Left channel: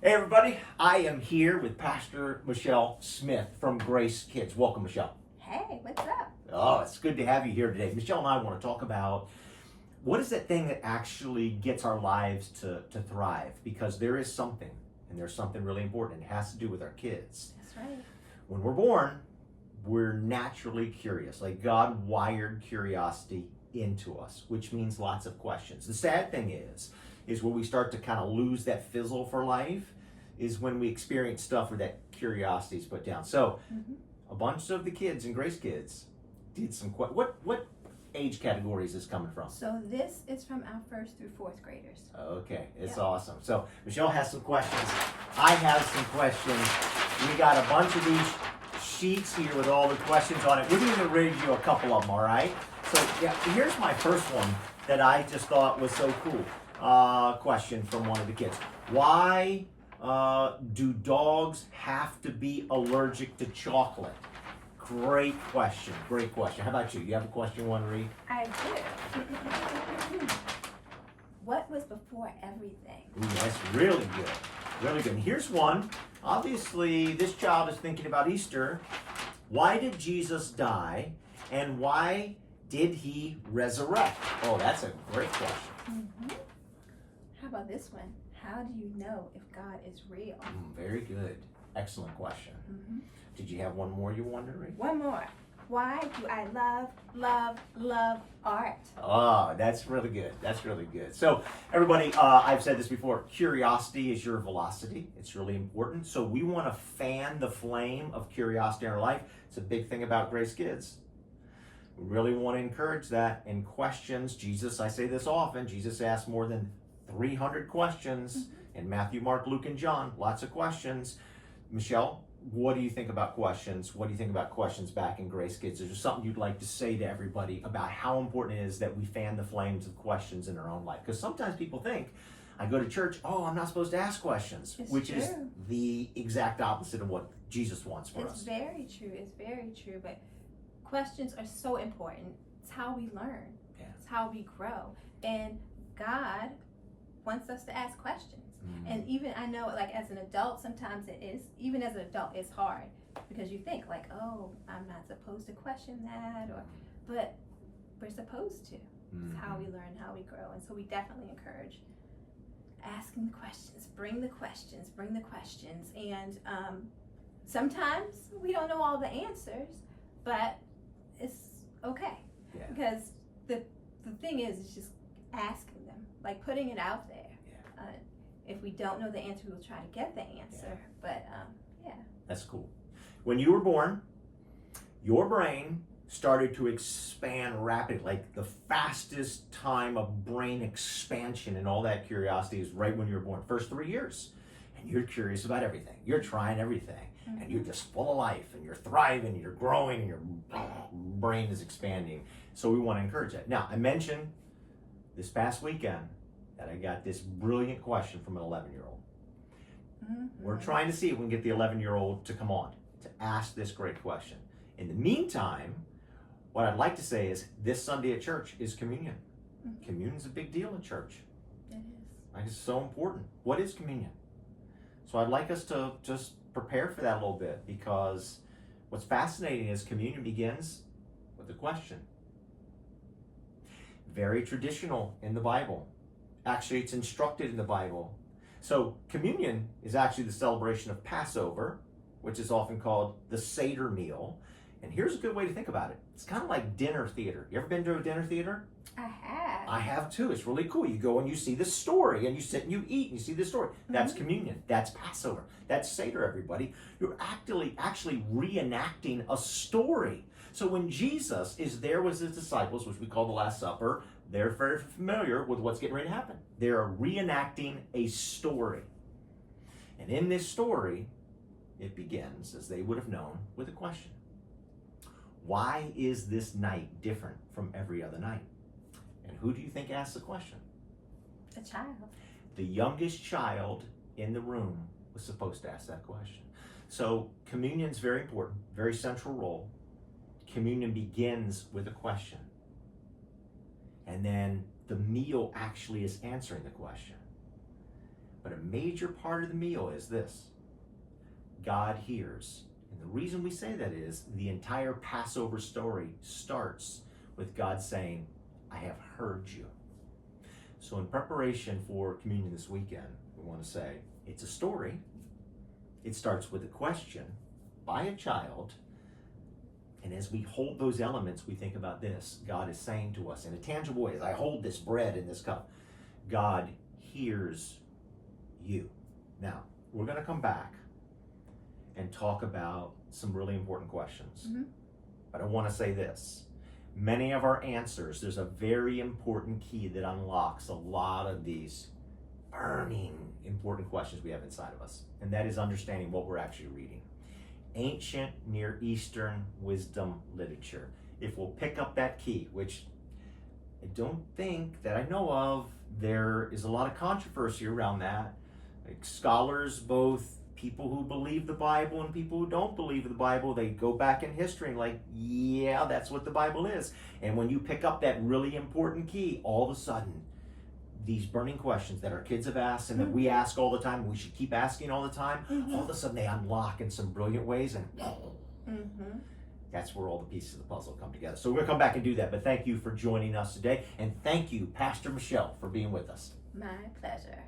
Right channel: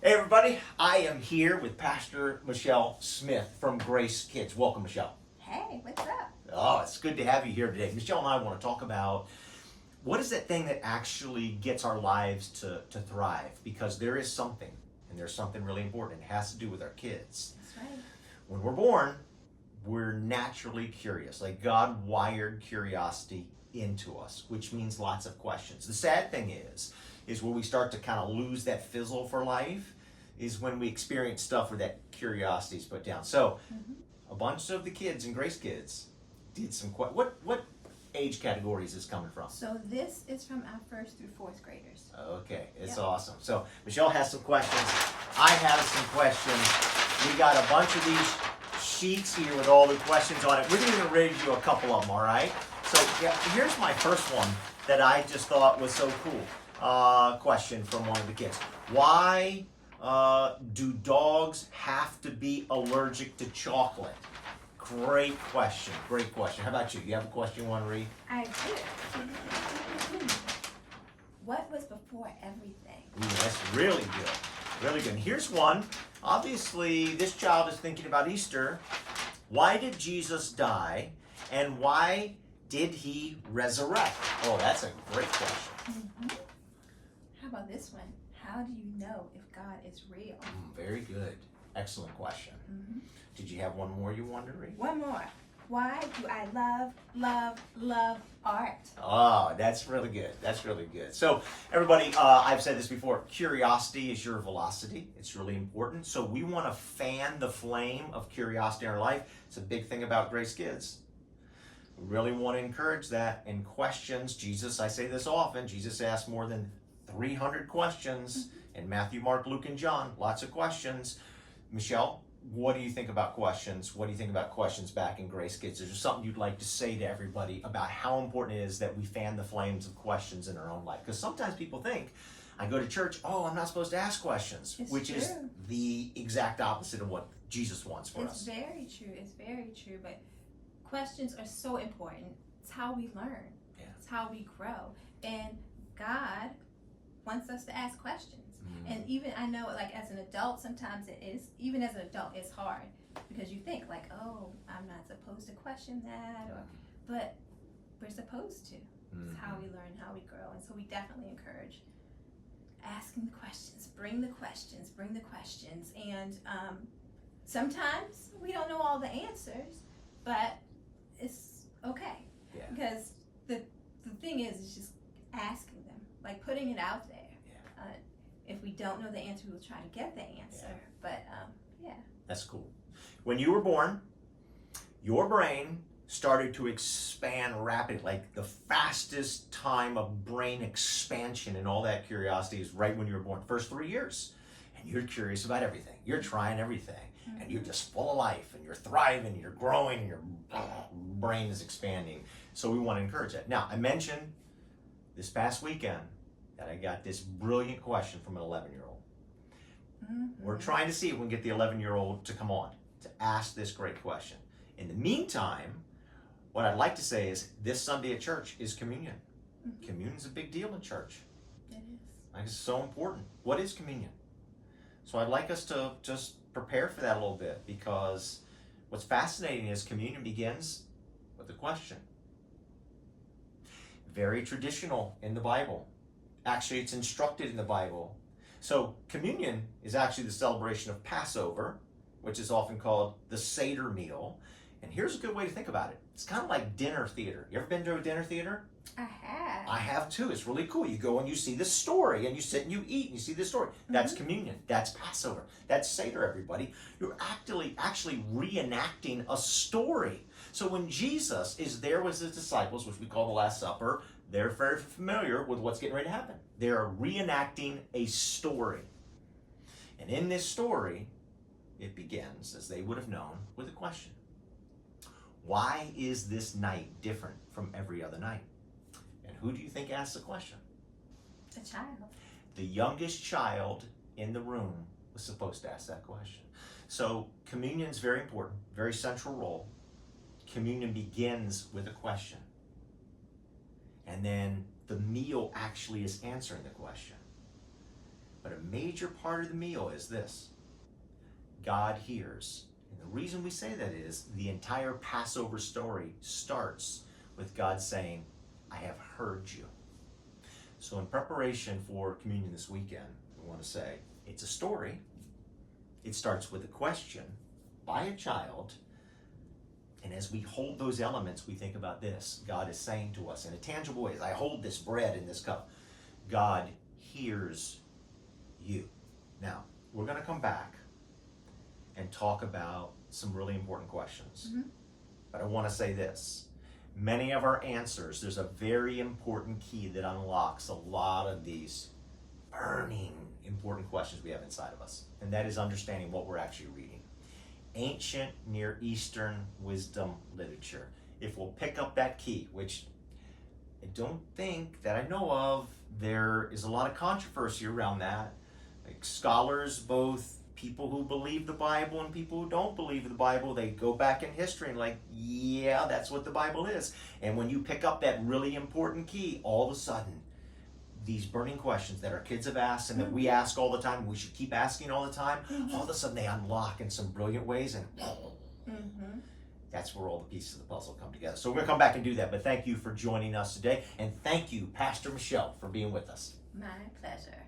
Hey everybody, I am here with Pastor Michelle Smith from Grace Kids. Welcome, Michelle. Hey, what's up? Oh, it's good to have you here today. Michelle and I want to talk about what is that thing that actually gets our lives to thrive, because there is something, and there's something really important. It has to do with our kids. That's right. When we're born, we're naturally curious. Like God wired curiosity into us, which means lots of questions. The sad thing is when we start to kind of lose that fizzle for life is when we experience stuff where that curiosity is put down. So a bunch of the kids in Grace Kids did some what age category is this coming from? So this is from our first through fourth graders. Okay, it's Yep. awesome. So Michelle has some questions. I have some questions. We got a bunch of these sheets here with all the questions on it. We're going to read you a couple of them, all right? So yeah, here's my first one that I just thought was so cool. Question from one of the kids. Why do dogs have to be allergic to chocolate? Great question. Great question. How about you? You have a question you want to read? I do. What was before everything? Ooh, that's really good. Really good. And here's one. Obviously, this child is thinking about Easter. Why did Jesus die? And why did he resurrect? Oh, that's a great question. How about this one? How do you know if God is real? Very good. Excellent question. Did you have one more you wanted to read? One more. Why do I love art? Oh, that's really good. That's really good. So, everybody, I've said this before. Curiosity is your velocity. It's really important. So, we want to fan the flame of curiosity in our life. It's a big thing about Grace Kids. We really want to encourage that. And questions, Jesus, I say this often, Jesus asked more than 300 questions in Matthew, Mark, Luke, and John. Lots of questions. Michelle, what do you think about questions? What do you think about questions back in Grace Kids? Is there something you'd like to say to everybody about how important it is that we fan the flames of questions in our own life? Because sometimes people think, I go to church, oh, I'm not supposed to ask questions, which is the exact opposite of what Jesus wants for us. It's very true. It's very true. But questions are so important. It's how we learn. Yeah. It's how we grow. And God wants us to ask questions. And even I know, like as an adult, sometimes it is, even as an adult, it's hard because you think like, oh, I'm not supposed to question that, but we're supposed to. It's how we learn, how we grow. And so we definitely encourage asking the questions, bring the questions. And sometimes we don't know all the answers, but it's okay. Yeah. Because the thing is just asking them, like putting it out there. If we don't know the answer, we'll try to get the answer. But yeah. That's cool. When you were born, your brain started to expand rapidly. Like the fastest time of brain expansion and all that curiosity is right when you were born. First 3 years. And you're curious about everything. You're trying everything. And you're just full of life. And you're thriving. You're growing. And your brain is expanding. So we want to encourage that. Now, I mentioned this past weekend that I got this brilliant question from an 11-year-old. We're trying to see if we can get the 11-year-old to come on to ask this great question. In the meantime, what I'd like to say is this Sunday at church is communion. Communion's a big deal in church. It is. Like, it's so important. What is communion? So I'd like us to just prepare for that a little bit, because what's fascinating is communion begins with a question. Very traditional in the Bible. Actually, it's instructed in the Bible. So communion is actually the celebration of Passover, which is often called the Seder meal. And here's a good way to think about it. It's kind of like dinner theater. You ever been to a dinner theater? I have. I have too. It's really cool. You go and you see the story, and you sit and you eat and you see the story. That's communion. That's Passover. That's Seder, everybody. You're actually reenacting a story. So when Jesus is there with his disciples, which we call the Last Supper, they're very familiar with what's getting ready to happen. They're reenacting a story. And in this story, it begins, as they would have known, with a question. Why is this night different from every other night? And who do you think asked the question? A child. The youngest child in the room was supposed to ask that question. So communion is very important, very central role. Communion begins with a question. And then the meal actually is answering the question. But a major part of the meal is this: God hears. And the reason we say that is the entire Passover story starts with God saying, I have heard you. So in preparation for communion this weekend, we want to say it's a story. It starts with a question by a child. And as we hold those elements, we think about this. God is saying to us in a tangible way, as I hold this bread in this cup, God hears you. Now, we're going to come back and talk about some really important questions. Mm-hmm. But I want to say this. Many of our answers, there's a very important key that unlocks a lot of these burning important questions we have inside of us. And that is understanding what we're actually reading. Ancient Near Eastern wisdom literature. If we'll pick up that key, which I don't think that I know of, there is a lot of controversy around that. Like scholars, both people who believe the Bible and people who don't believe the Bible, they go back in history and like, yeah, that's what the Bible is. And when you pick up that really important key, all of a sudden, these burning questions that our kids have asked and that we ask all the time, we should keep asking all the time, all of a sudden they unlock in some brilliant ways, and that's where all the pieces of the puzzle come together. So we're going to come back and do that, but thank you for joining us today, and thank you, Pastor Michelle, for being with us. My pleasure.